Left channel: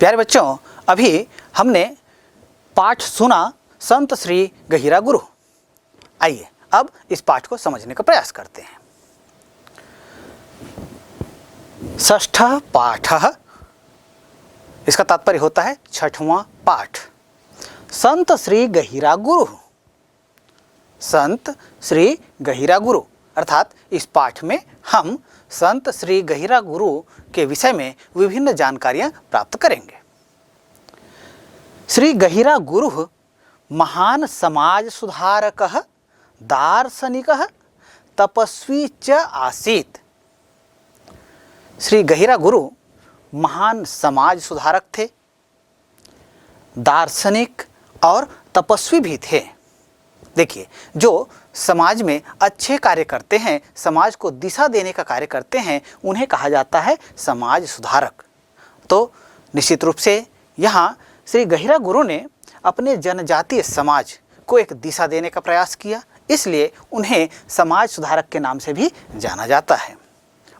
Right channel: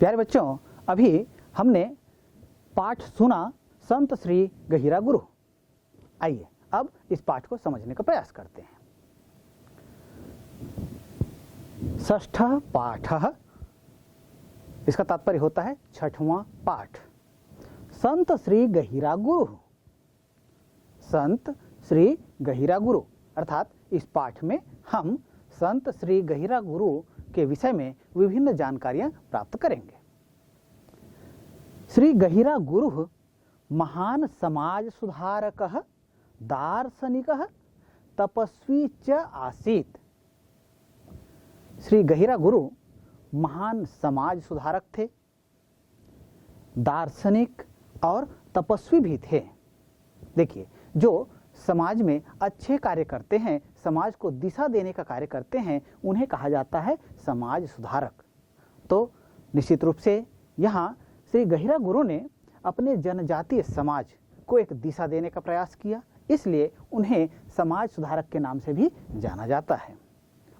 प्यारे बच्चों, अभी हमने पाठ सुना संत श्री गहिरा गुरु। आइए अब इस पाठ को समझने का प्रयास करते हैं। षष्ठ पाठ, इसका तात्पर्य होता है छठवां पाठ। संत श्री गहिरा गुरु, संत श्री गहिरा गुरु अर्थात इस पाठ में हम संत श्री गहिरा गुरु के विषय में विभिन्न जानकारियां प्राप्त करेंगे। श्री गहिरा गुरु महान समाज सुधारकः दार्शनिकः तपस्वी च आसीत्। श्री गहिरा गुरु महान समाज सुधारक थे, दार्शनिक और तपस्वी भी थे। देखिए, जो समाज में अच्छे कार्य करते हैं, समाज को दिशा देने का कार्य करते हैं, उन्हें कहा जाता है समाज सुधारक। तो निश्चित रूप से यहाँ श्री गहिरा गुरु ने अपने जनजातीय समाज को एक दिशा देने का प्रयास किया, इसलिए उन्हें समाज सुधारक के नाम से भी जाना जाता है।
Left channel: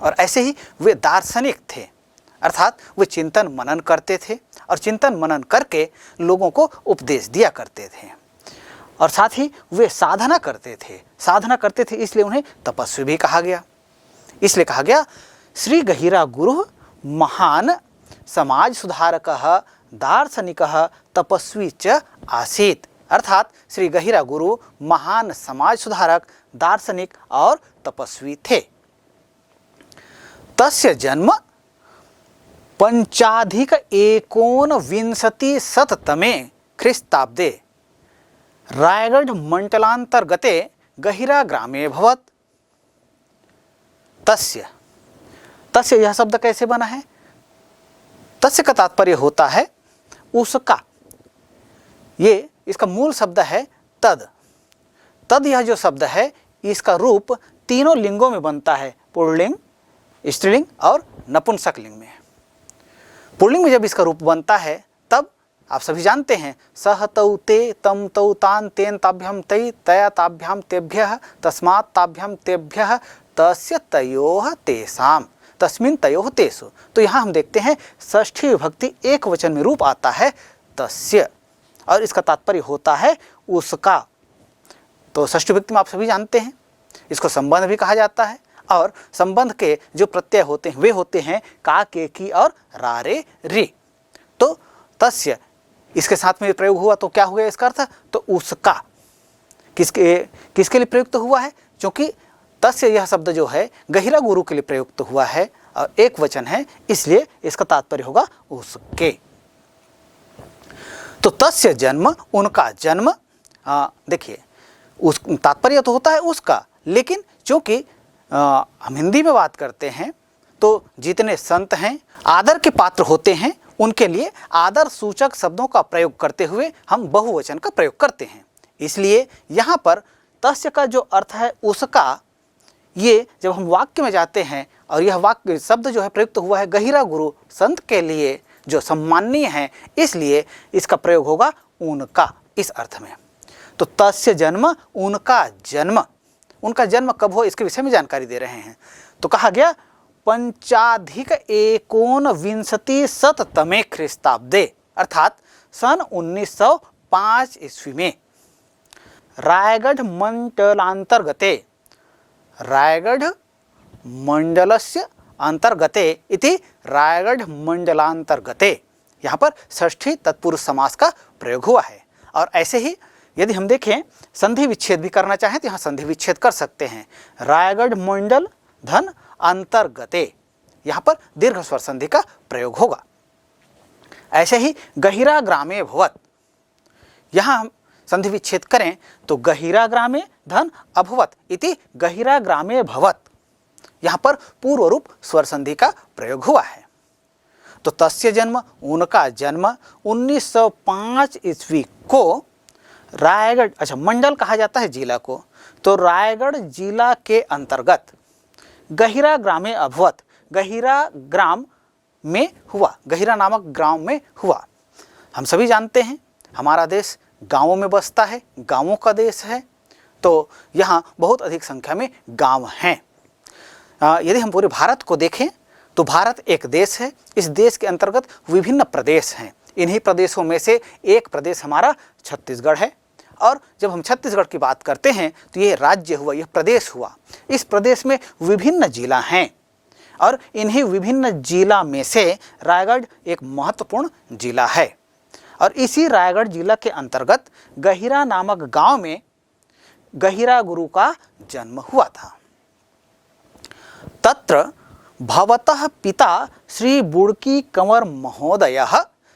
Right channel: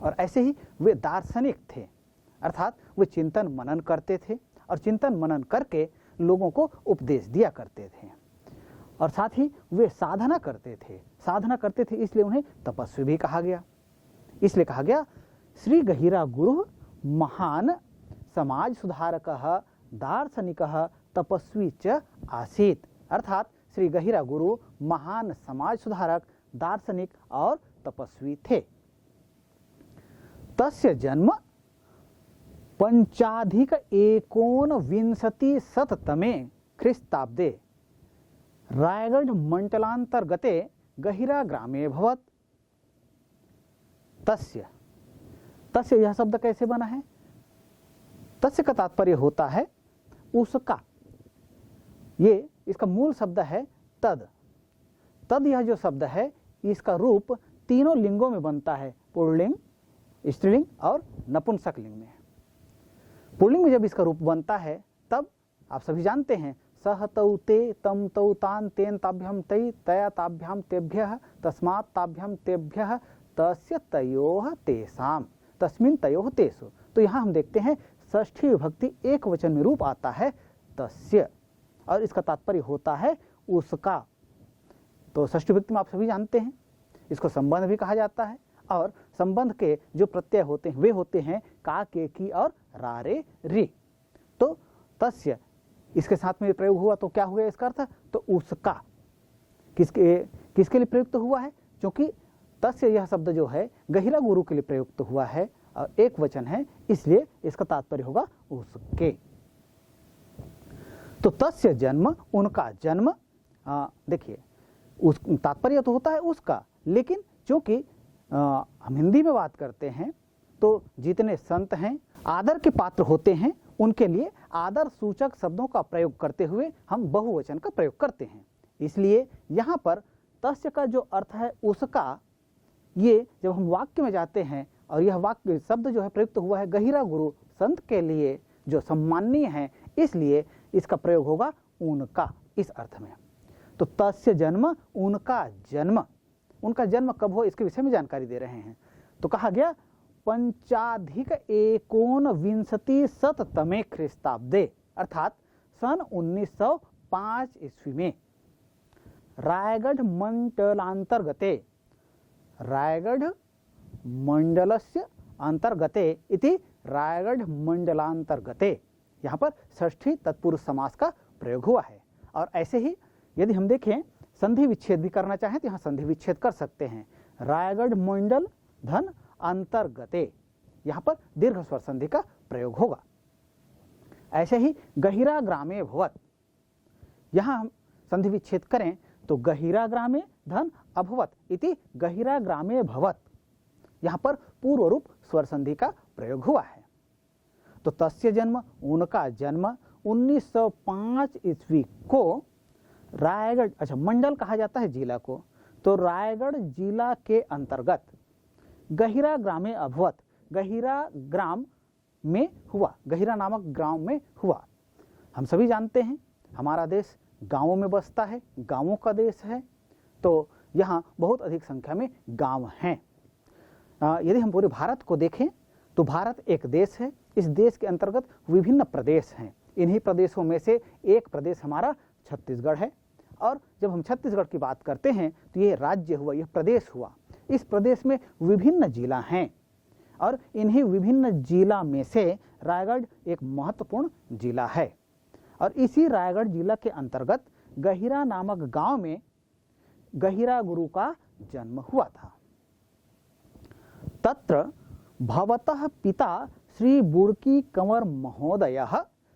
और ऐसे ही वे दार्शनिक थे, अर्थात वे चिंतन मनन करते थे और चिंतन मनन करके लोगों को उपदेश दिया करते थे। और साथ ही वे साधना करते थे, इसलिए उन्हें तपस्वी भी कहा गया। इसलिए कहा गया श्री गहिरा गुरु महान समाज सुधारकः दार्शनिकः तपस्वी च आसीत्, अर्थात श्री गहिरा गुरु महान समाज सुधारक, दार्शनिक और तपस्वी थे। तस्य जन्म 5,1920 ख्रीस्ताब्दे रायगढ़ मंडलांतर्गते गहिरा ग्रामे भवत्। तस्य यह शब्द कैसे बना है? तस्य का तात्पर्य होता है उसका। ये इसका मूल शब्द है तद। यह जो शब्द है इसका रूप तीनों लिंगों में बनता है, पुल्लिंग, स्त्रीलिंग और नपुंसक लिंग में। पुल्लिंग में जब इसका रूप बनता है तब आप सभी जानते हैं सह तौ ते तम तौ तान तेन ताभ्याम तै तया ताभ्याम तेभ्यः तस्मात् ताभ्याम तेभ्यः तस्य तयोः तेषाम तस्मिन् तयोः तेषु। तो यहाँ हम देखते हैं षष्ठी विभक्ति एक वचन में रूप आता है तस्य, और इसका तात्पर्य होता है उसका। तो षष्ठी विभक्ति में आप सभी जानते हैं इसको संबंध भी कहा जाता है, और संबंध के जो प्रत्यय होते हैं वे होते हैं का, के, की और रा, रे, री। तो तस्य इसके साथ में प्रयोग हुआ तो क्या हुआ इसका अर्थ? तो उसका। किसके लिए प्रयुक्त हुआ है? क्योंकि तस्य यह शब्द जो है गहिरा गुरु के लिए प्रयुक्त हुआ है और एक वचन है, इसलिए इसका तात्पर्य होगा उसके। तो तस्य जन्म, उनका जन्म, देखिए उस तात्पर्य तो होता है उसका, लेकिन चूंकि हम हिंदी में बात करते हैं तो जितने संत हैं आदर के पात्र होते हैं, उनके लिए आदर सूचक शब्दों का प्रयोग करते हुए हम बहुवचन का प्रयोग करते हैं। इसलिए यहाँ पर तस्य का जो अर्थ है उसका, ये जब हम वाक्य में जाते हैं और यह वाक्य शब्द जो है प्रयुक्त हुआ है गहिरा गुरु संत के लिए जो सम्माननीय है, इसलिए इसका प्रयोग होगा उनका इस अर्थ में। तो तस्य जन्म, उनका जन्म कब हो इसके विषय में जानकारी दे रहे हैं। तो कहा गया 5,1920 ख्रीस्ताब्दे अर्थात सन 1905 ईस्वी में रायगढ़ मंडलस्य अंतर्गते इति रायगढ़ मंडलांतर्गते, यहाँ पर षष्ठी तत्पुरुष समास का प्रयोग हुआ है। और ऐसे ही यदि हम देखें संधि विच्छेद भी करना चाहें तो यहाँ संधि विच्छेद कर सकते हैं। रायगढ़ मंडल धन अंतर्गते, यहाँ पर दीर्घ स्वर संधि का प्रयोग होगा। ऐसे ही गहिरा ग्रामे भवत्, यहाँ हम संधि विच्छेद करें तो गहिरा ग्रामे धन अभवत् इति गहिरा ग्रामे भवत्, यहाँ पर पूर्व रूप स्वर संधि का प्रयोग हुआ है। तो तस्य जन्म, उनका जन्म 1905 ईस्वी को रायगढ़, मंडल कहा जाता है जिला को, तो रायगढ़ जिला के अंतर्गत गहिरा ग्रामे अभवत, गहिरा ग्राम में हुआ, गहिरा नामक गांव में हुआ। हम सभी जानते हैं हमारा देश गांवों में बसता है, गांवों का देश है, तो यहाँ बहुत अधिक संख्या में गांव हैं। यदि हम पूरे भारत को देखें तो भारत एक देश है, इस देश के अंतर्गत विभिन्न प्रदेश हैं। इन्हीं प्रदेशों में से एक प्रदेश हमारा छत्तीसगढ़ है। और जब हम छत्तीसगढ़ की बात करते हैं तो ये राज्य हुआ, यह प्रदेश हुआ। इस प्रदेश में विभिन्न जिला हैं और इन्हीं विभिन्न जिला में से रायगढ़ एक महत्वपूर्ण जिला है। और इसी रायगढ़ जिला के अंतर्गत गहिरा नामक गांव में गहिरा गुरु का जन्म हुआ था। तत्र भवतः पिता श्री बुड़की कंवर महोदयः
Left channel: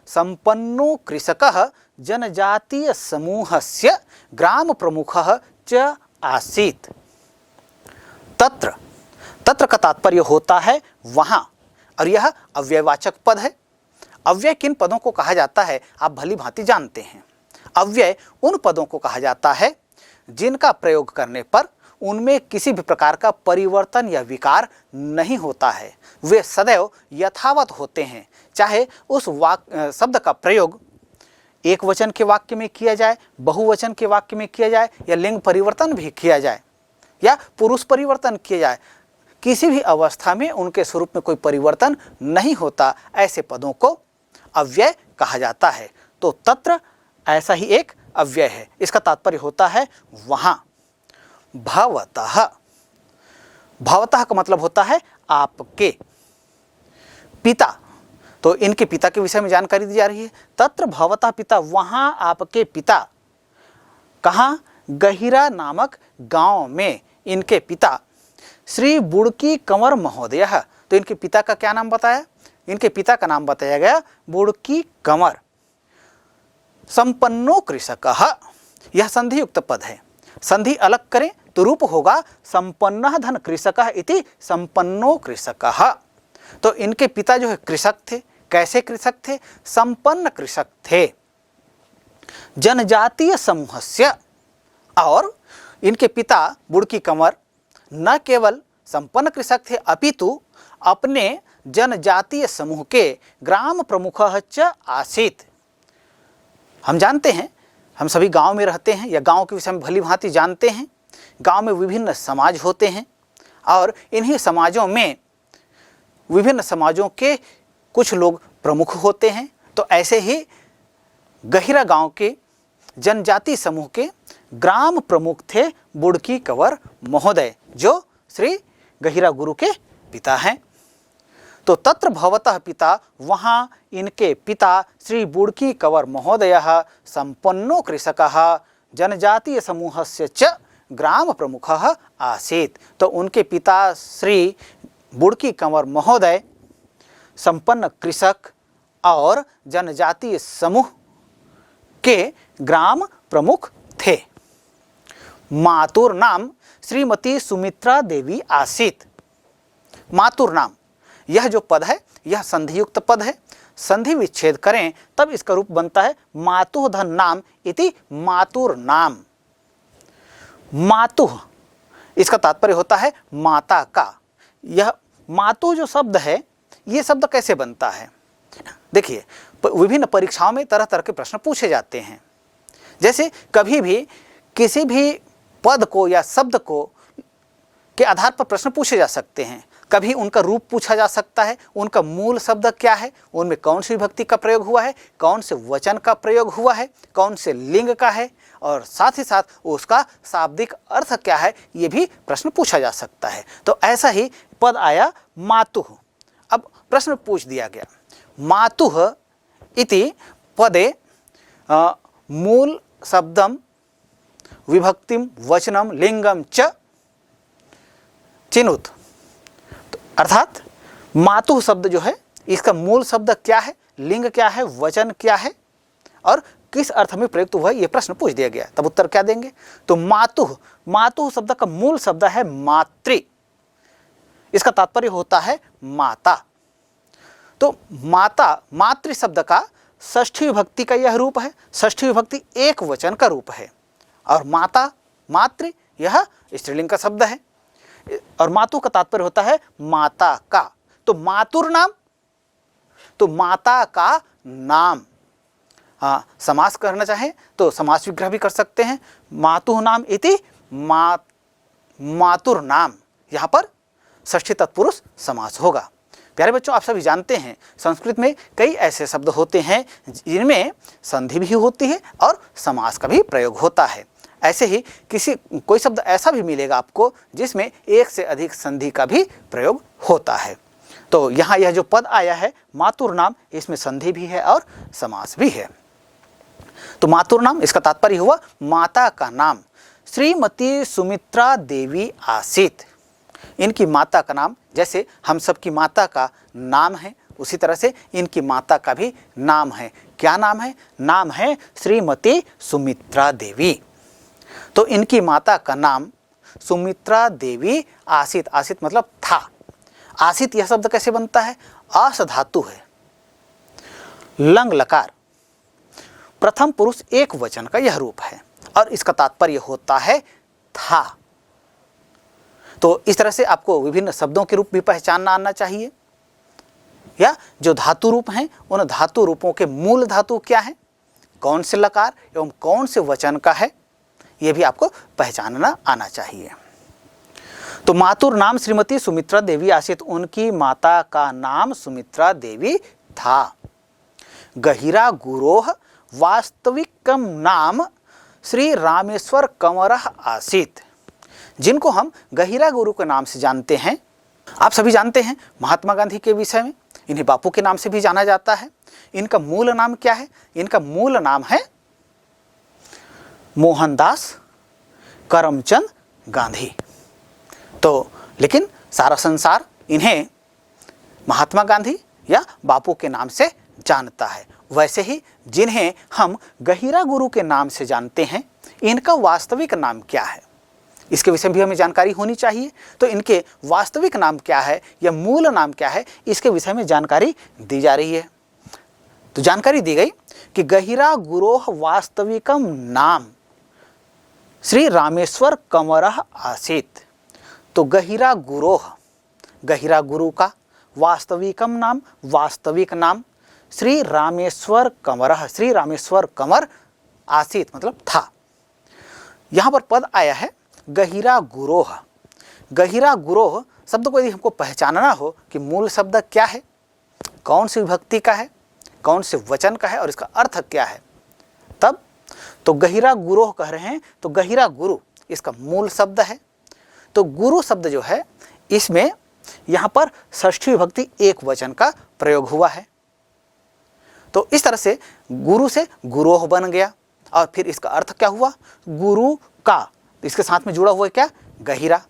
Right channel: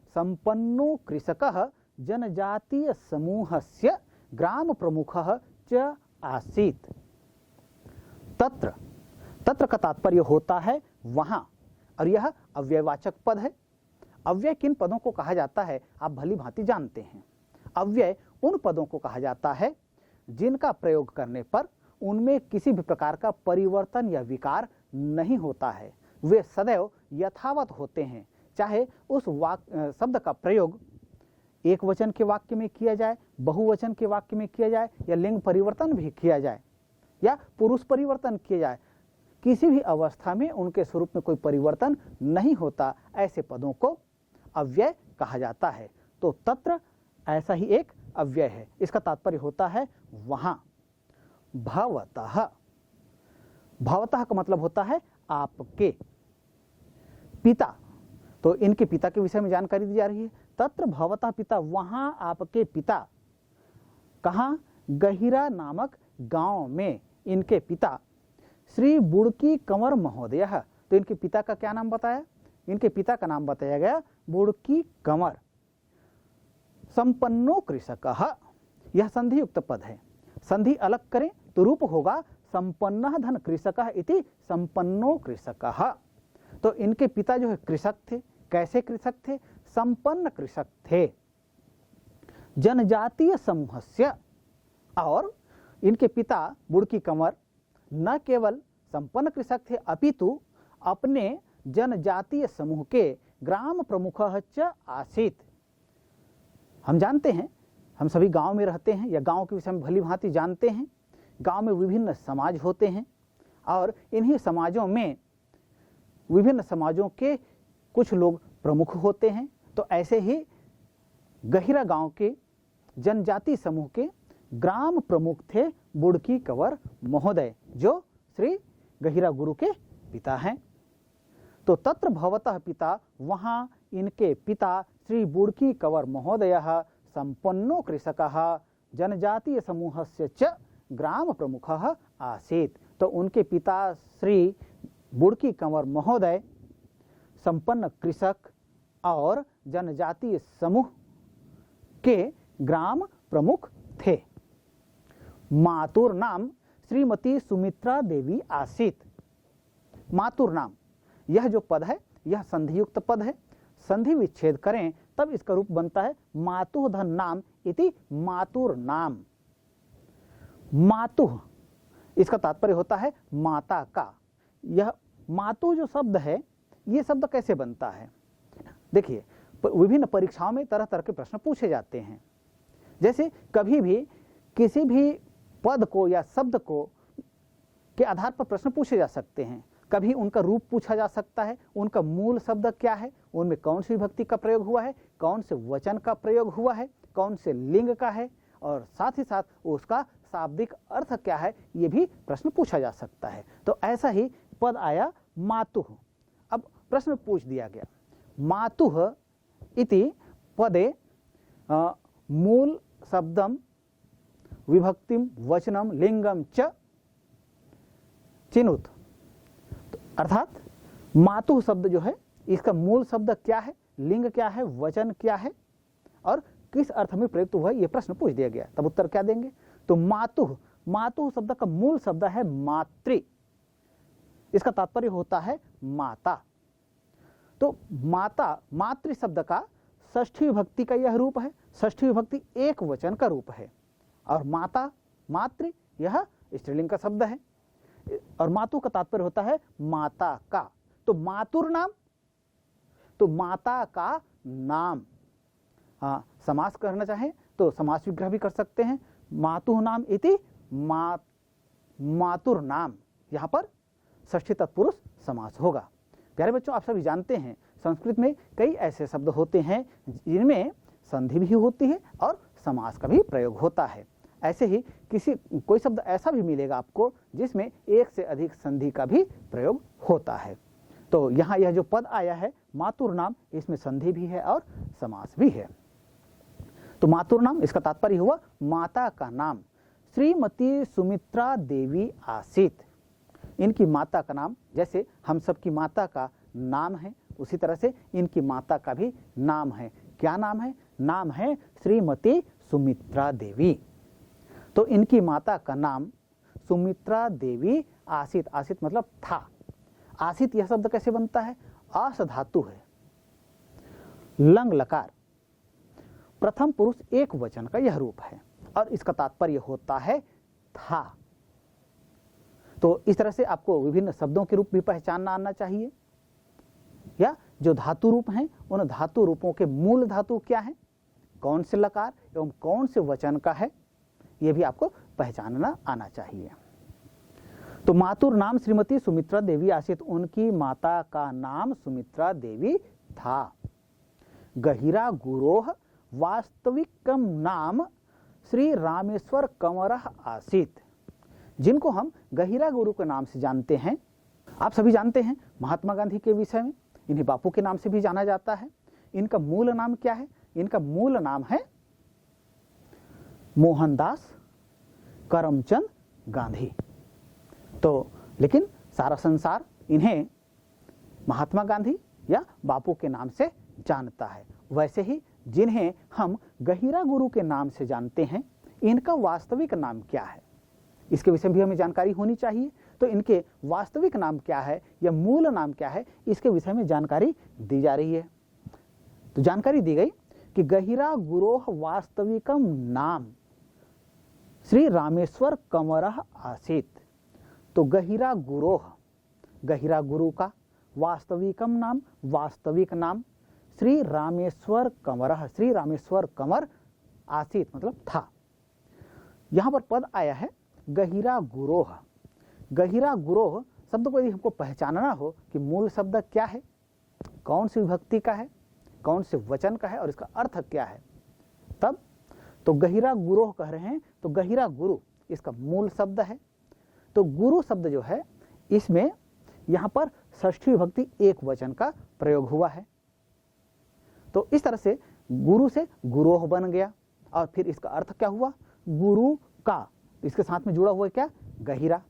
संपन्नो कृषकः जनजातीय समूहस्य ग्राम प्रमुखः च आसीत्। तत्र तत्र का तात्पर्य होता है वहाँ, और यह अव्ययवाचक पद है। अव्यय किन पदों को कहा जाता है आप भली भांति जानते हैं। अव्यय उन पदों को कहा जाता है जिनका प्रयोग करने पर उनमें किसी भी प्रकार का परिवर्तन या विकार नहीं होता है, वे सदैव यथावत होते हैं। चाहे उस शब्द का प्रयोग एक वचन के वाक्य में किया जाए, बहुवचन के वाक्य में किया जाए, या लिंग परिवर्तन भी किया जाए या पुरुष परिवर्तन किया जाए, किसी भी अवस्था में उनके स्वरूप में कोई परिवर्तन नहीं होता। ऐसे पदों को अव्यय कहा जाता है। तो तत्र ऐसा ही एक अव्यय है। इसका तात्पर्य होता है वहाँ। भवतः, भवतः का मतलब होता है आपके। पिता, तो इनके पिता के विषय में जानकारी दी जा रही है। तत्र भवतः पिता, वहाँ आपके पिता। कहाँ? गहिरा नामक गांव में इनके पिता श्री बुड़की कंवर महोदय। तो इनके पिता का क्या नाम बताया? इनके पिता का नाम बताया गया बुड़की कंवर। संपन्नो कृषकः, यह संधि युक्त पद है। संधि अलग करें तो रूप होगा संपन्नः धन कृषकः इति संपन्नो कृषकः। तो इनके पिता जो है कृषक थे। कैसे कृषक थे? संपन्न कृषक थे, जनजातीय समूहस्य। और इनके पिता बुड़की कंवर न केवल संपन्न कृषक थे अपितु अपने जनजातीय समूह के ग्राम प्रमुखः च आसीत्। हम जानते हैं, हम सभी गांव में रहते हैं या गांव के विषय में भली भांति जानते हैं। गांव में विभिन्न समाज होते हैं और इन्हीं समाजों में विभिन्न समाजों के कुछ लोग प्रमुख होते हैं। तो ऐसे ही गहिरा गांव के जनजाति समूह के ग्राम प्रमुख थे बुड़की कंवर महोदय, जो श्री गहिरा गुरु के पिता हैं। तो तत्र भवतः पिता, वहाँ इनके पिता श्री बुड़की कंवर महोदयः संपन्नो कृषकः जनजातीय समूहस्य च ग्राम प्रमुखः आसीत्। तो उनके पिता श्री बुड़की कंवर महोदय संपन्न कृषक और जनजातीय समूह के ग्राम प्रमुख थे। मातुर नाम श्रीमती सुमित्रा देवी आसीत्। मातुर नाम, यह जो पद है यह संधियुक्त पद है। संधि विच्छेद करें तब इसका रूप बनता है मातुः धन नाम इति मातुर नाम। मातुः, इसका तात्पर्य होता है माता का। यह मातुः जो शब्द है, ये शब्द कैसे बनता है? देखिए, विभिन्न परीक्षाओं में तरह तरह के प्रश्न पूछे जाते हैं। जैसे कभी भी किसी भी पद को या शब्द को के आधार पर प्रश्न पूछे जा सकते हैं। कभी उनका रूप पूछा जा सकता है, उनका मूल शब्द क्या है, उनमें कौन सी विभक्ति का प्रयोग हुआ है, कौन से वचन का प्रयोग हुआ है, कौन से लिंग का है, और साथ ही साथ उसका शाब्दिक अर्थ क्या है, ये भी प्रश्न पूछा जा सकता है। तो ऐसा ही पद आया मातुः। अब प्रश्न पूछ दिया गया, मातुः इति पदे मूल शब्दम विभक्तिम वचनम लिंगम च चिनुत। अर्थात मातुः शब्द जो है इसका मूल शब्द क्या है, लिंग क्या है, वचन क्या है और किस अर्थ में प्रयुक्त हुआ है, ये प्रश्न पूछ दिया गया। तब उत्तर क्या देंगे? तो मातुः, मातुः शब्द का मूल शब्द है मातृ। इसका तात्पर्य होता है माता। तो माता, मातृ शब्द का षष्ठी विभक्ति का यह रूप है। षष्ठी विभक्ति एक वचन का रूप है और माता, मातृ, यह स्त्रीलिंग का शब्द है। और मातु का तात्पर्य होता है माता का। तो मातुर नाम, तो माता का नाम। हाँ, समास करना चाहें तो समास विग्रह भी कर सकते हैं। मातुः नाम इति मातुर नाम, यहाँ पर षष्ठी तत्पुरुष समास होगा। प्यारे बच्चों, आप सभी जानते हैं संस्कृत में कई ऐसे शब्द होते हैं जिनमें संधि भी होती है और समास का भी प्रयोग होता है। ऐसे ही कोई शब्द ऐसा भी मिलेगा आपको जिसमें एक से अधिक संधि का भी प्रयोग होता है। तो यहाँ यह जो पद आया है मातुर नाम, इसमें संधि भी है और समास भी है। तो मातुर नाम, इसका तात्पर्य हुआ माता का नाम। श्रीमती सुमित्रा देवी आसीत, इनकी माता का नाम, जैसे हम सबकी माता का नाम है उसी तरह से इनकी माता का भी नाम है। क्या नाम है? नाम है श्रीमती सुमित्रा देवी। तो इनकी माता का नाम सुमित्रा देवी आसीत। आसीत मतलब था। आसीत यह शब्द कैसे बनता है? आस धातु है, लंग लकार, प्रथम पुरुष एक वचन का यह रूप है और इसका तात्पर्य होता है था। तो इस तरह से आपको विभिन्न शब्दों के रूप भी पहचानना आना चाहिए, या जो धातु रूप हैं उन धातु रूपों के मूल धातु क्या है, कौन से लकार एवं कौन से वचन का है, यह भी आपको पहचानना आना चाहिए। तो मातुर नाम श्रीमती सुमित्रा देवी आसीत, उनकी माता का नाम सुमित्रा देवी था। गहिरा गुरोह वास्तविकम नाम श्री रामेश्वर कंवरः आसीत, जिनको हम गहिरा गुरु के नाम से जानते हैं। आप सभी जानते हैं महात्मा गांधी के विषय में, इन्हें बापू के नाम से भी जाना जाता है। इनका मूल नाम क्या है? इनका मूल नाम है मोहनदास करमचंद गांधी। तो लेकिन सारा संसार इन्हें महात्मा गांधी या बापू के नाम से जानता है। वैसे ही जिन्हें हम गहिरा गुरु के नाम से जानते हैं, इनका वास्तविक नाम क्या है, इसके विषय में भी हमें जानकारी होनी चाहिए। तो इनके वास्तविक नाम क्या है या मूल नाम क्या है, इसके विषय में जानकारी दी जा रही है। तो जानकारी दी गई कि गहिरा गुरोह वास्तविकम नाम श्री रामेश्वर कंवरः आसीत। तो गहिरा गुरोह, गहिरा गुरु का वास्तविकम नाम, वास्तविक नाम श्री रामेश्वर कंवरः, श्री रामेश्वर कंवर आसीत मतलब था। यहाँ पर पद आया है गहिरा गुरोह। गहिरा गुरोह शब्द को यदि हमको पहचानना हो कि मूल शब्द क्या है, कौन सी विभक्ति का है, कौन से वचन का है और इसका अर्थ क्या है, तब तो गहिरा गुरोह कह रहे हैं। तो गहिरा गुरु इसका मूल शब्द है। तो गुरु शब्द जो है इसमें यहाँ पर षष्ठी विभक्ति एक वचन का प्रयोग हुआ है। तो इस तरह से गुरु से गुरोह बन गया और फिर इसका अर्थ क्या हुआ? गुरु का, इसके साथ में जुड़ा हुआ है क्या? गहिरा।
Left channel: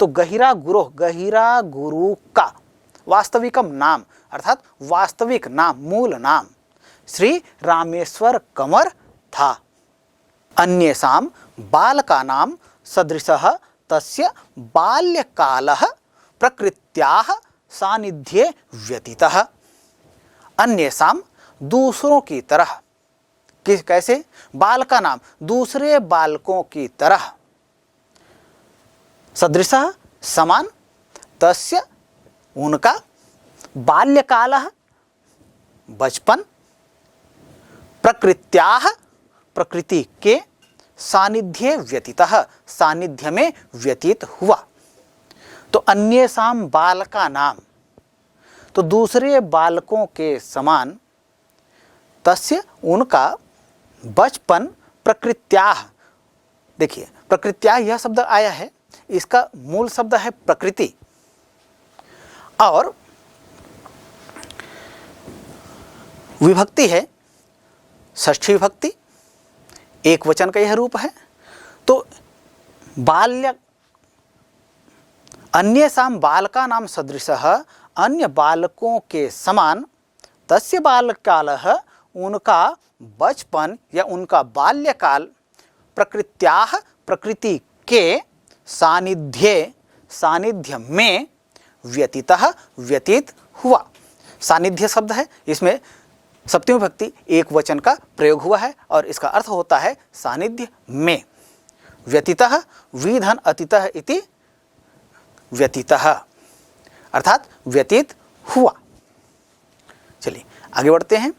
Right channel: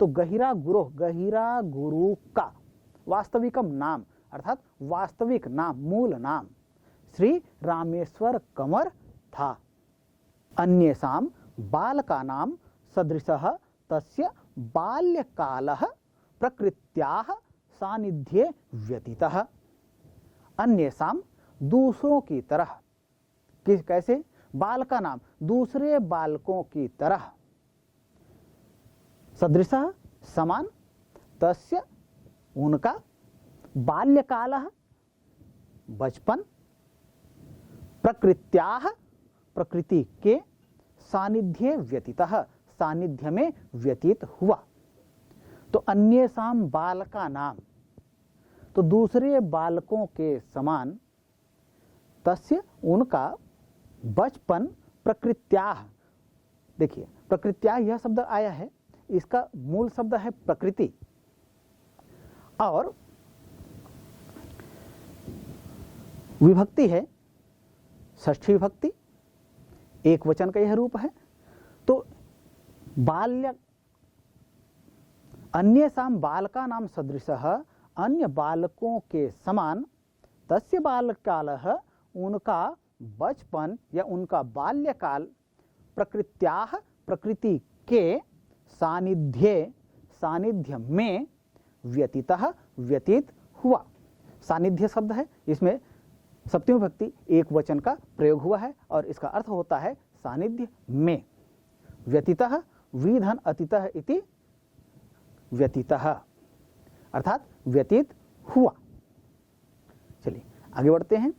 तो गहिरा गुरोह, गहिरा गुरु का वास्तविकम नाम अर्थात वास्तविक नाम, मूल नाम श्री रामेश्वर कंवर था। अन्येषां बालकानां सदृशः तस्य बाल्यकालः प्रकृत्याः सानिध्ये व्यतीतः। अन्येषां दूसरों की तरह, कैसे? बालका नाम दूसरे बालकों की तरह, सदृशः समान, तस्य उनका, बाल्यकालः बचपन, प्रकृत्याः प्रकृति के, सानिध्ये व्यतीतः सानिध्य में व्यतीत हुआ। तो अन्येषां बालका नाम, तो दूसरे बालकों के समान, तस्य उनका, बचपन, प्रकृत्याः। देखिए प्रकृत्याः यह शब्द आया है, इसका मूल शब्द है प्रकृति और विभक्ति है षष्ठी विभक्ति, एक वचन का यह रूप है। तो बाल्य, अन्येषां बालकानां सदृशः, अन्य बालकों के समान, तस्य बाल्यकालः उनका बचपन या उनका बाल्यकाल, प्रकृत्याः प्रकृति के, सानिध्ये सानिध्य में, व्यतीतः व्यतीत हुआ। सानिध्य शब्द है, इसमें सप्तमी विभक्ति एक वचन का प्रयोग हुआ है और इसका अर्थ होता है सानिध्य में। व्यतीतः विधन अतीतः इति व्यतीतः अर्थात व्यतीत हुआ। चलिए आगे बढ़ते हैं।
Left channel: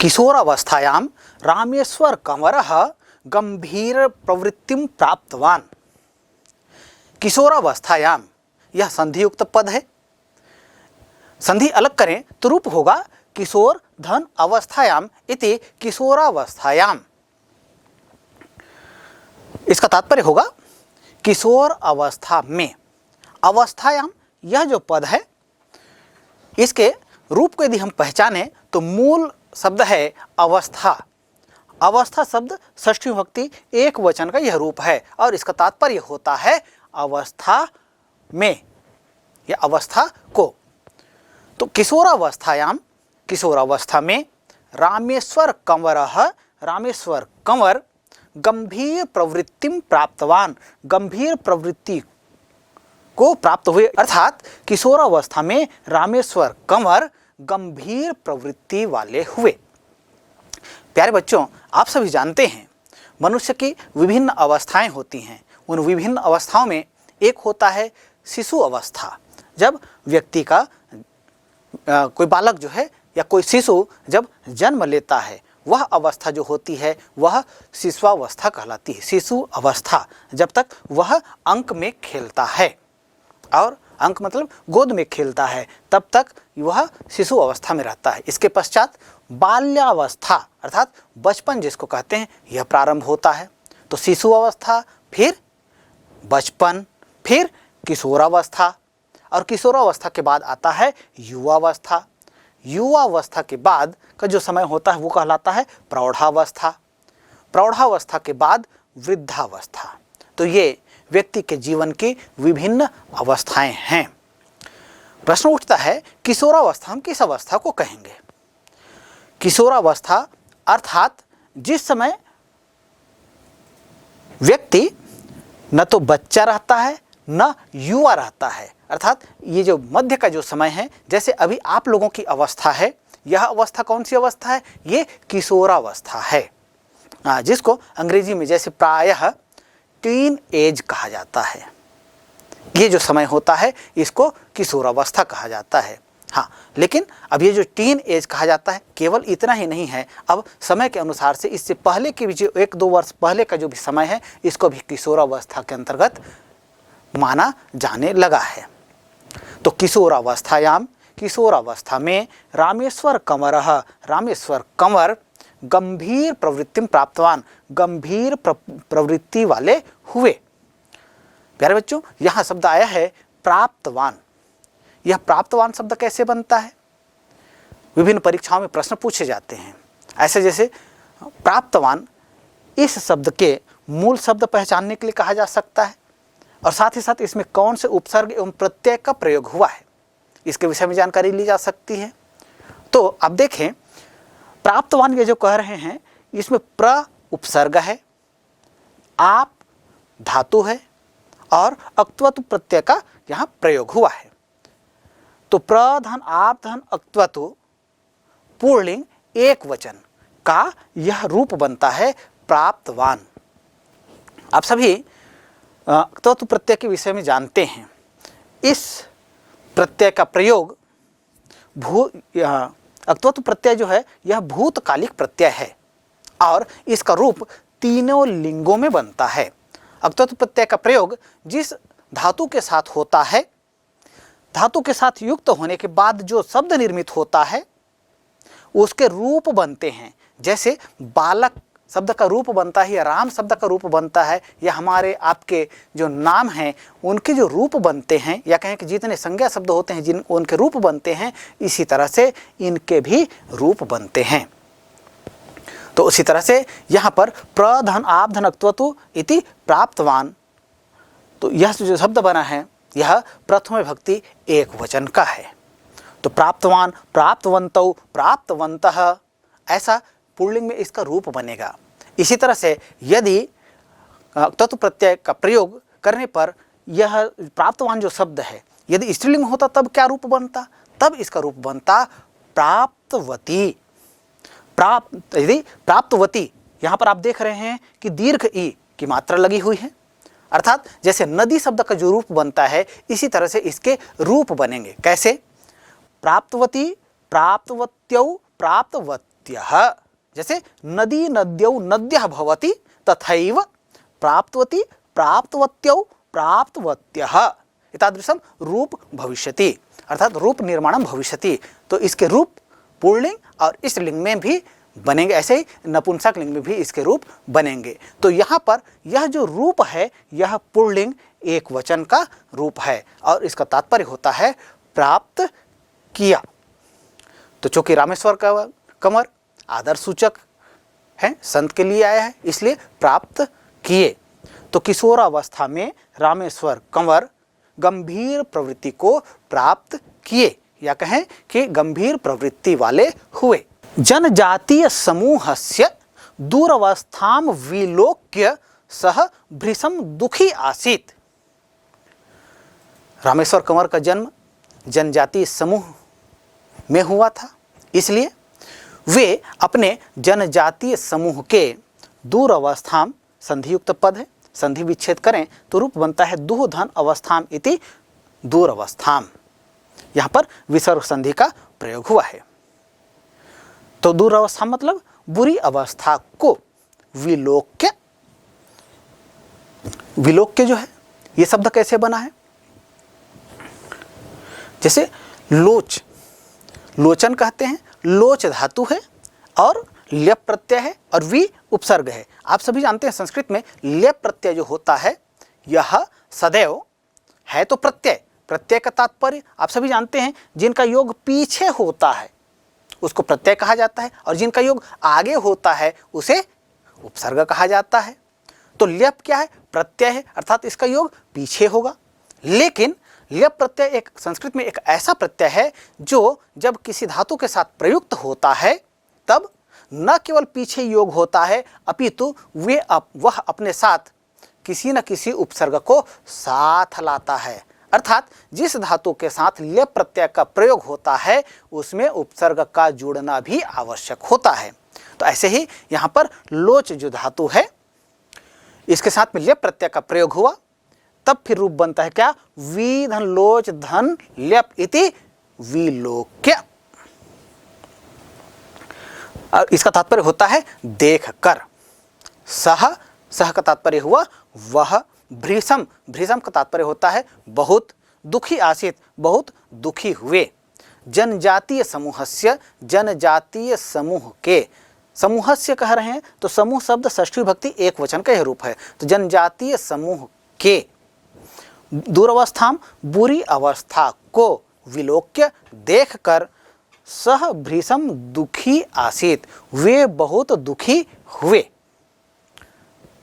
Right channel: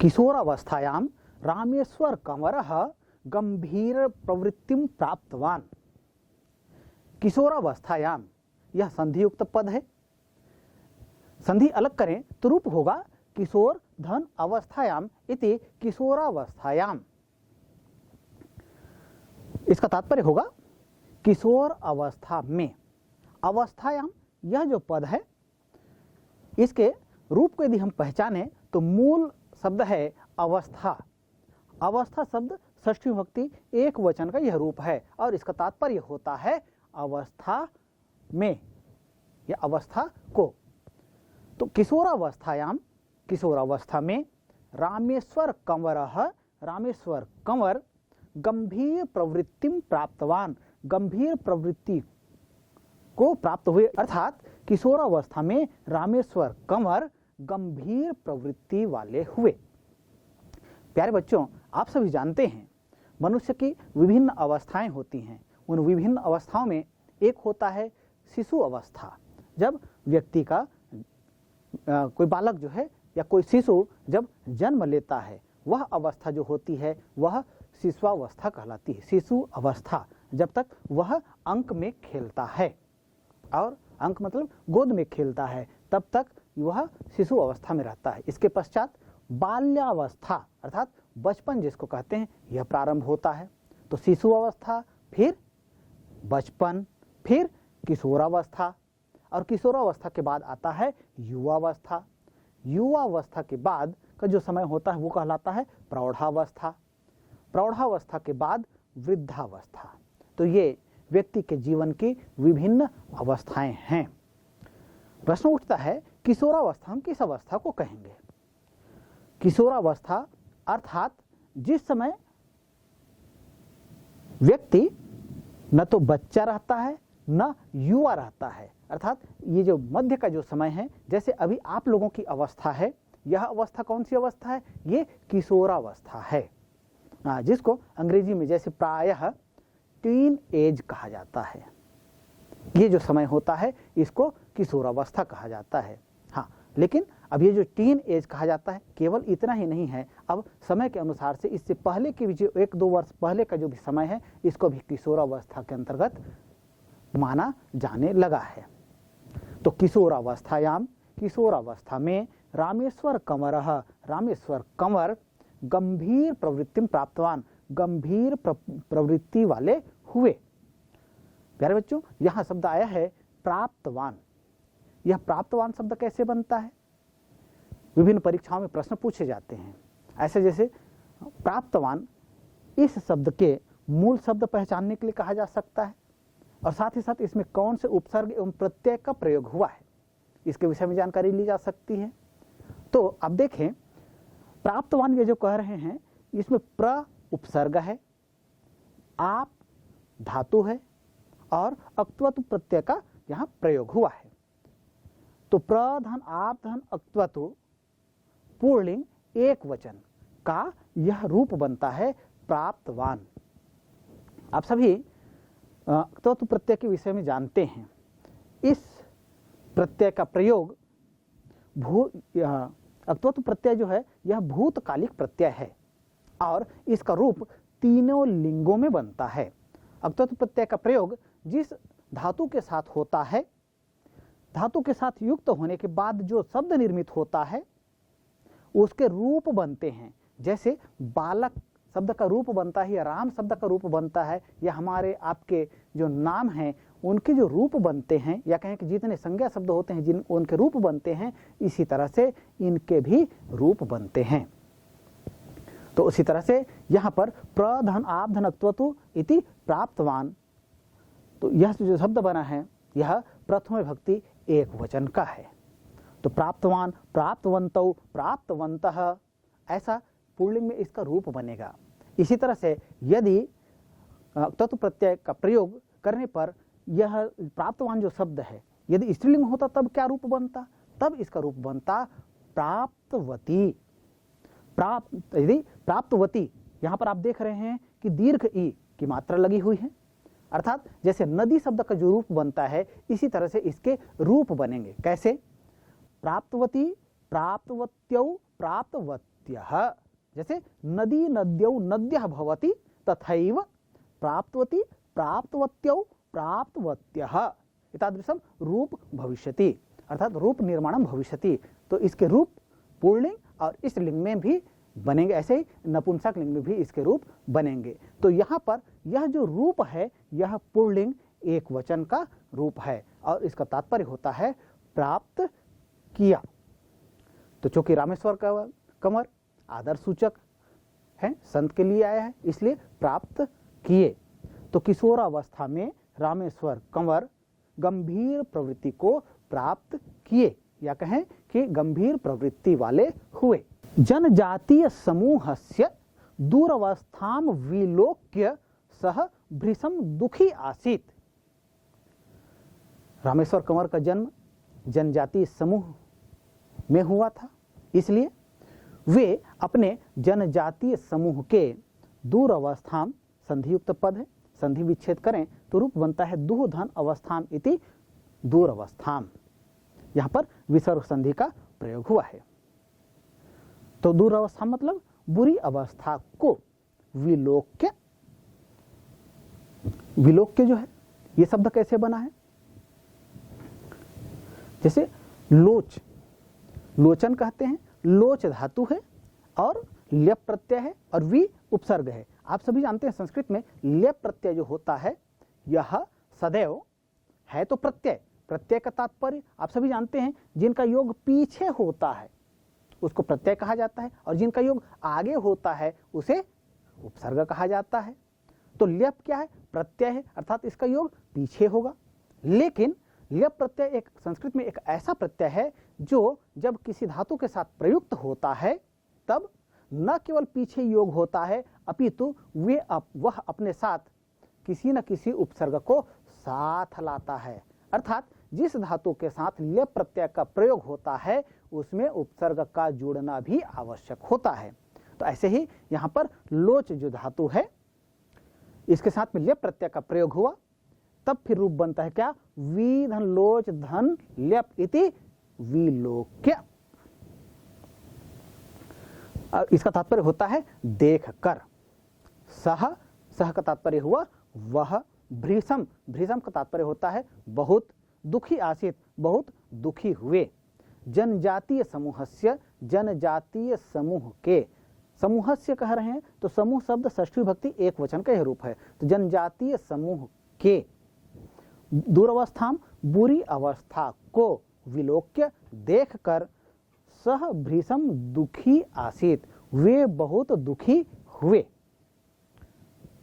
किशोरावस्थायां रामेश्वर कंवरः गंभीर प्रवृत्तिं प्राप्तवान। किशोरावस्थायां, यह संधियुक्त पद है। संधि अलग करें तो रूप होगा किशोर धन अवस्थायाम इति किशोरावस्थायाम। इसका तात्पर्य होगा किशोर अवस्था में। अवस्थायाम यह जो पद है, इसके रूप को यदि हम पहचाने तो मूल शब्द है अवस्था। अवस्था शब्द षष्ठी विभक्ति एक वचन का यह रूप है और इसका तात्पर्य होता है अवस्था में या अवस्था को। तो किशोरावस्थायाम, किशोरावस्था में रामेश्वर कंवरः, रामेश्वर कंवर गंभीर प्रवृत्तिम प्राप्तवान, गंभीर प्रवृत्ति को प्राप्त हुए, अर्थात किशोरावस्था में रामेश्वर कंवर गंभीर प्रवृत्ति वाले हुए। प्यारे बच्चों, आप सभी जानते हैं मनुष्य की विभिन्न अवस्थाएं होती हैं। उन विभिन्न अवस्थाओं में एक होता है शिशु अवस्था। जब व्यक्ति का कोई बालक जो है या कोई शिशु जब जन्म लेता है, वह अवस्था जो होती है वह शिशुअवस्था कहलाती है। शिशु अवस्था जब तक वह अंक में खेलता है, और अंक मतलब गोद में खेलता है, तब तक वह शिशु अवस्था में रहता है। इसके पश्चात बाल्यावस्था अर्थात बचपन जिसको कहते हैं, यह प्रारंभ होता है। तो शिशु अवस्था, फिर बचपन, फिर किशोरावस्था, और किशोरावस्था के बाद आता है युवावस्था। युवावस्था के बाद का जो समय होता है वो कहलाता है प्रौढ़ावस्था। प्रौढ़ावस्था के बाद वृद्धावस्था। तो ये व्यक्ति के जीवन की विभिन्न अवस्थाएं हैं। प्रश्न उठता है किशोरावस्था हम किस अवस्था को कहेंगे? किशोरावस्था अर्थात जिस समय व्यक्ति न तो बच्चा रहता है न युवा रहता है, अर्थात ये जो मध्य का जो समय है, जैसे अभी आप लोगों की अवस्था है, यह अवस्था कौन सी अवस्था है? ये किशोरावस्था है, जिसको अंग्रेजी में जैसे प्रायः टीन एज कहा जाता है। ये जो समय होता है इसको किशोरावस्था कहा जाता है। हाँ, लेकिन अब ये जो टीन एज कहा जाता है केवल इतना ही नहीं है, अब समय के अनुसार से इससे पहले के भी जो 1-2 वर्ष पहले का जो भी समय है, इसको भी किशोरावस्था के अंतर्गत माना जाने लगा है। तो किशोरावस्थायाम, किशोरावस्था में रामेश्वर कंवरः, रामेश्वर कंवर गंभीर प्रवृत्तिम प्राप्तवान, गंभीर प्रवृत्ति वाले हुए। प्यारे बच्चों, यहाँ शब्द आया है प्राप्तवान। यह प्राप्तवान शब्द कैसे बनता है? विभिन्न परीक्षाओं में प्रश्न पूछे जाते हैं। ऐसे जैसे प्राप्तवान, इस शब्द के मूल शब्द पहचानने के लिए कहा जा सकता है, और साथ ही साथ इसमें कौन से उपसर्ग एवं प्रत्यय का प्रयोग हुआ है, इसके विषय में जानकारी ली जा सकती है। तो अब देखें, प्राप्तवान ये जो कह रहे हैं, इसमें प्र उपसर्ग है, आप धातु है, और अक्त्वतु प्रत्यय का यहाँ प्रयोग हुआ है। तो प्रधन आप धन अक्त्वतु पुल्लिंग एक वचन का यह रूप बनता है प्राप्तवान। आप सभी अक्त्वतु प्रत्यय के विषय में जानते हैं। इस प्रत्यय का प्रयोग अक्त्वतु प्रत्यय जो है यह भूतकालिक प्रत्यय है, और इसका रूप तीनों लिंगों में बनता है। अक्त्वतु प्रत्यय का प्रयोग जिस धातु के साथ होता है, धातु के साथ युक्त होने के बाद जो शब्द निर्मित होता है उसके रूप बनते हैं। जैसे बालक शब्द का रूप बनता है, या राम शब्द का रूप बनता है, या हमारे आपके जो नाम हैं उनके जो रूप बनते हैं, या कहें कि जितने संज्ञा शब्द होते हैं जिन उनके रूप बनते हैं, इसी तरह से इनके भी रूप बनते हैं। तो उसी तरह से यहाँ पर प्रधन आप धन अक्त्वतु इति प्राप्तवान, तो यह जो शब्द बना है यह प्रथम विभक्ति एक वचन का है। तो प्राप्तवान, प्राप्तवन्तौ, प्राप्तवन्तः, ऐसा पुल्लिंग में इसका रूप बनेगा। इसी तरह से यदि तत्व प्रत्यय का प्रयोग करने पर यह प्राप्तवान जो शब्द है यदि स्त्रीलिंग होता तब क्या रूप बनता? तब इसका रूप बनता प्राप्तवती। यदि प्राप्तवती, यहाँ पर आप देख रहे हैं कि दीर्घ ई की मात्रा लगी हुई है, अर्थात जैसे नदी शब्द का जो रूप बनता है इसी तरह से इसके रूप बनेंगे। कैसे? प्राप्तवती, प्राप्तवत्यौ, प्राप्तवत्यः। जैसे नदी नद्यौ नद्यः भवति तथैव प्राप्तवती, प्राप्तवत्यौ, प्राप्तवत्यः एतादृशं रूप भविष्यति। अर्थात रूप निर्माणम भविष्यति। तो इसके रूप पुल्लिंग और स्त्रीलिंग में भी बनेंगे, ऐसे ही नपुंसक लिंग में भी इसके रूप बनेंगे। तो यहाँ पर यह जो रूप है यह पुल्लिंग एक वचन का रूप है और इसका तात्पर्य होता है प्राप्त किया। तो चूंकि रामेश्वर कंवर आदर सूचक है, संत के लिए आया है, इसलिए प्राप्त किए। तो किशोरावस्था में रामेश्वर कंवर गंभीर प्रवृत्ति को प्राप्त किए, या कहें कि गंभीर प्रवृत्ति वाले हुए। जनजातीय समूहस्य दूरवस्थाम विलोक्य सह भृशम दुखी आसीत्। रामेश्वर कंवर का जन्म जनजातीय समूह में हुआ था, इसलिए वे अपने जनजातीय समूह के दूर अवस्थाम, संधियुक्त पद है, संधि विच्छेद करें तो रूप बनता है दुहधन अवस्थाम इति दूर अवस्थाम। यहाँ पर विसर्ग संधि का प्रयोग हुआ है। तो दूर अवस्था मतलब बुरी अवस्था को विलोक्य। विलोक्य जो है ये शब्द कैसे बना है? जैसे लोच, लोचन कहते हैं, लोच धातु है और ल्यप प्रत्यय है और वी उपसर्ग है। आप सभी जानते हैं संस्कृत में ल्यप प्रत्यय जो होता है यह सदैव है तो प्रत्यय, प्रत्यय का तात्पर्य आप सभी जानते हैं, जिनका योग पीछे होता है उसको प्रत्यय कहा जाता है और जिनका योग आगे होता है उसे उपसर्ग कहा जाता है। तो ल्यप क्या है? प्रत्यय है, अर्थात इसका योग पीछे होगा। लेकिन ल्यप प्रत्यय एक संस्कृत में एक ऐसा प्रत्यय है जो जब किसी धातु के साथ प्रयुक्त होता है तब न केवल पीछे योग होता है अपितु वह अपने साथ किसी न किसी उपसर्ग को साथ लाता है। अर्थात जिस धातु के साथ ल्यप प्रत्यय का प्रयोग होता है उसमें उपसर्ग का जोड़ना भी आवश्यक होता है। तो ऐसे ही यहाँ पर लोच जो धातु है इसके साथ में ल्यप प्रत्यय का प्रयोग हुआ, तब फिर रूप बनता है क्या? वी धन लोच धन ल्यप इति विलोक्य। इसका तात्पर्य होता है देख कर। सह, सह का तात्पर्य हुआ वह। भृशम, भृशम का तात्पर्य होता है बहुत। दुखी आसीत, बहुत दुखी हुए। जनजातीय समूहस्य, जनजातीय समूह के, समूहस्य कह रहे हैं तो समूह शब्द षष्ठी विभक्ति एक वचन का यह रूप है। तो जनजातीय समूह के दूरवस्थाम, बुरी अवस्था को विलोक्य देखकर सह भृशम दुखी आसीत, वे बहुत दुखी हुए।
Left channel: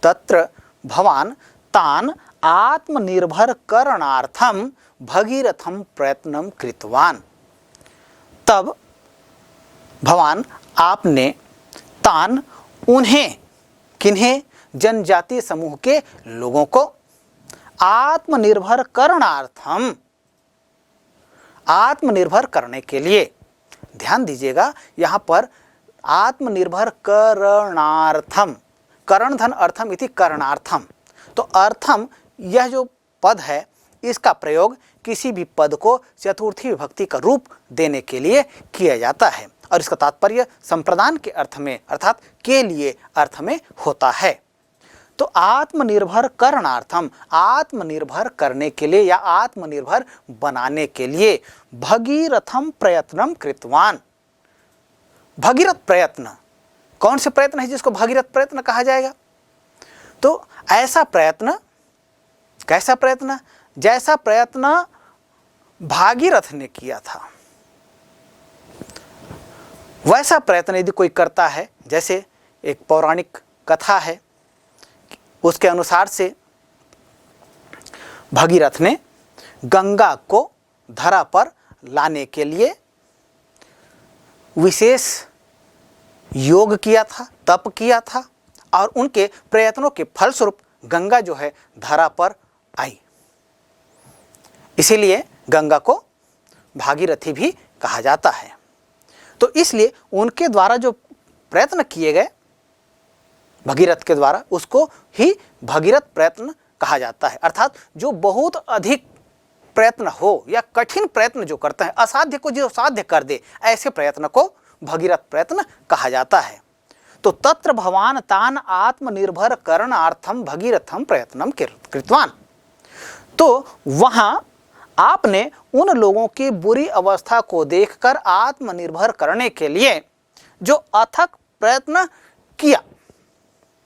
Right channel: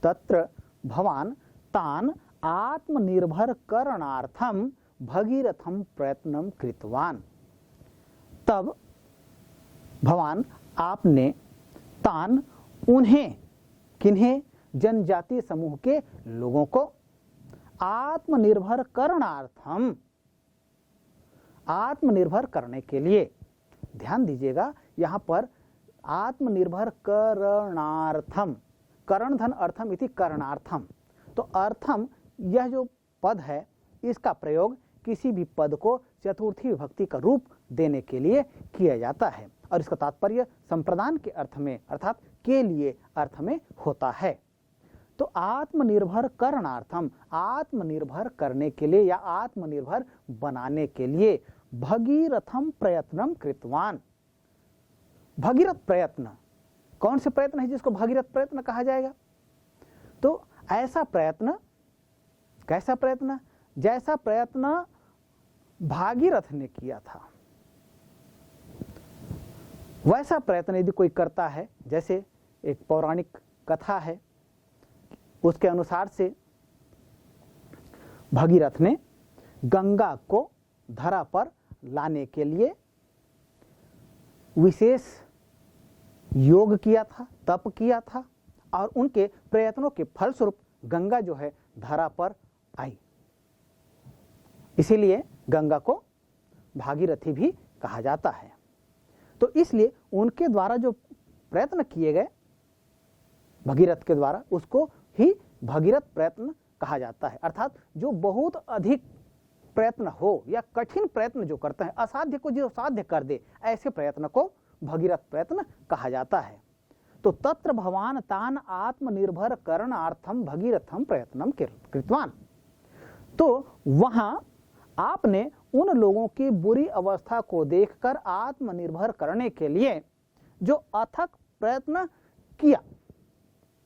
तत्र भवान तान आत्मनिर्भर करणार्थम भगीरथम प्रयत्नम कृतवान। तब भवान आपने तान उन्हें, किन्हें? जनजातीय समूह के लोगों को आत्मनिर्भर करणार्थम, आत्मनिर्भर करने के लिए। ध्यान दीजिएगा यहाँ पर आत्मनिर्भर करणार्थम, करण धन अर्थम इति करणार्थम। तो अर्थम यह जो पद है इसका प्रयोग किसी भी पद को चतुर्थी विभक्ति का रूप देने के लिए किया जाता है और इसका तात्पर्य संप्रदान के अर्थ में अर्थात के लिए अर्थ में होता है। तो आत्मनिर्भर करणार्थम, आत्मनिर्भर करने के लिए या आत्मनिर्भर बनाने के लिए भगीरथम प्रयत्नम कृतवान। भगीरथ प्रयत्न, कौन से प्रयत्न है जिसको भगीरथ प्रयत्न कहा जाएगा? तो ऐसा प्रयत्न, कैसा प्रयत्न? जैसा प्रयत्न भागीरथ ने किया था वैसा प्रयत्न यदि कोई करता है। जैसे एक पौराणिक कथा है, उसके अनुसार से भगीरथ ने गंगा को धरा पर लाने के लिए विशेष योग किया था, तप किया था और उनके प्रयत्नों के फलस्वरूप गंगा जो है धरा पर आई। इसीलिए गंगा को भागीरथी भी कहा जाता है। तो इसलिए उनके द्वारा जो प्रयत्न किए गए भगीरथ के द्वारा उसको ही भगीरथ प्रयत्न कहा जाता है। अर्थात जो बहुत अधिक प्रयत्न हो या कठिन प्रयत्न जो करते हैं, असाध्य को जो साध्य कर दे, ऐसे प्रयत्न को भगीरथ प्रयत्न कहा जाता है। तो तत्र भवान तान आत्मनिर्भर करणार्थम भगीरथम प्रयत्नम कृतवान। तो वहाँ आपने उन लोगों की बुरी अवस्था को देखकर आत्मनिर्भर करने के लिए जो अथक प्रयत्न किया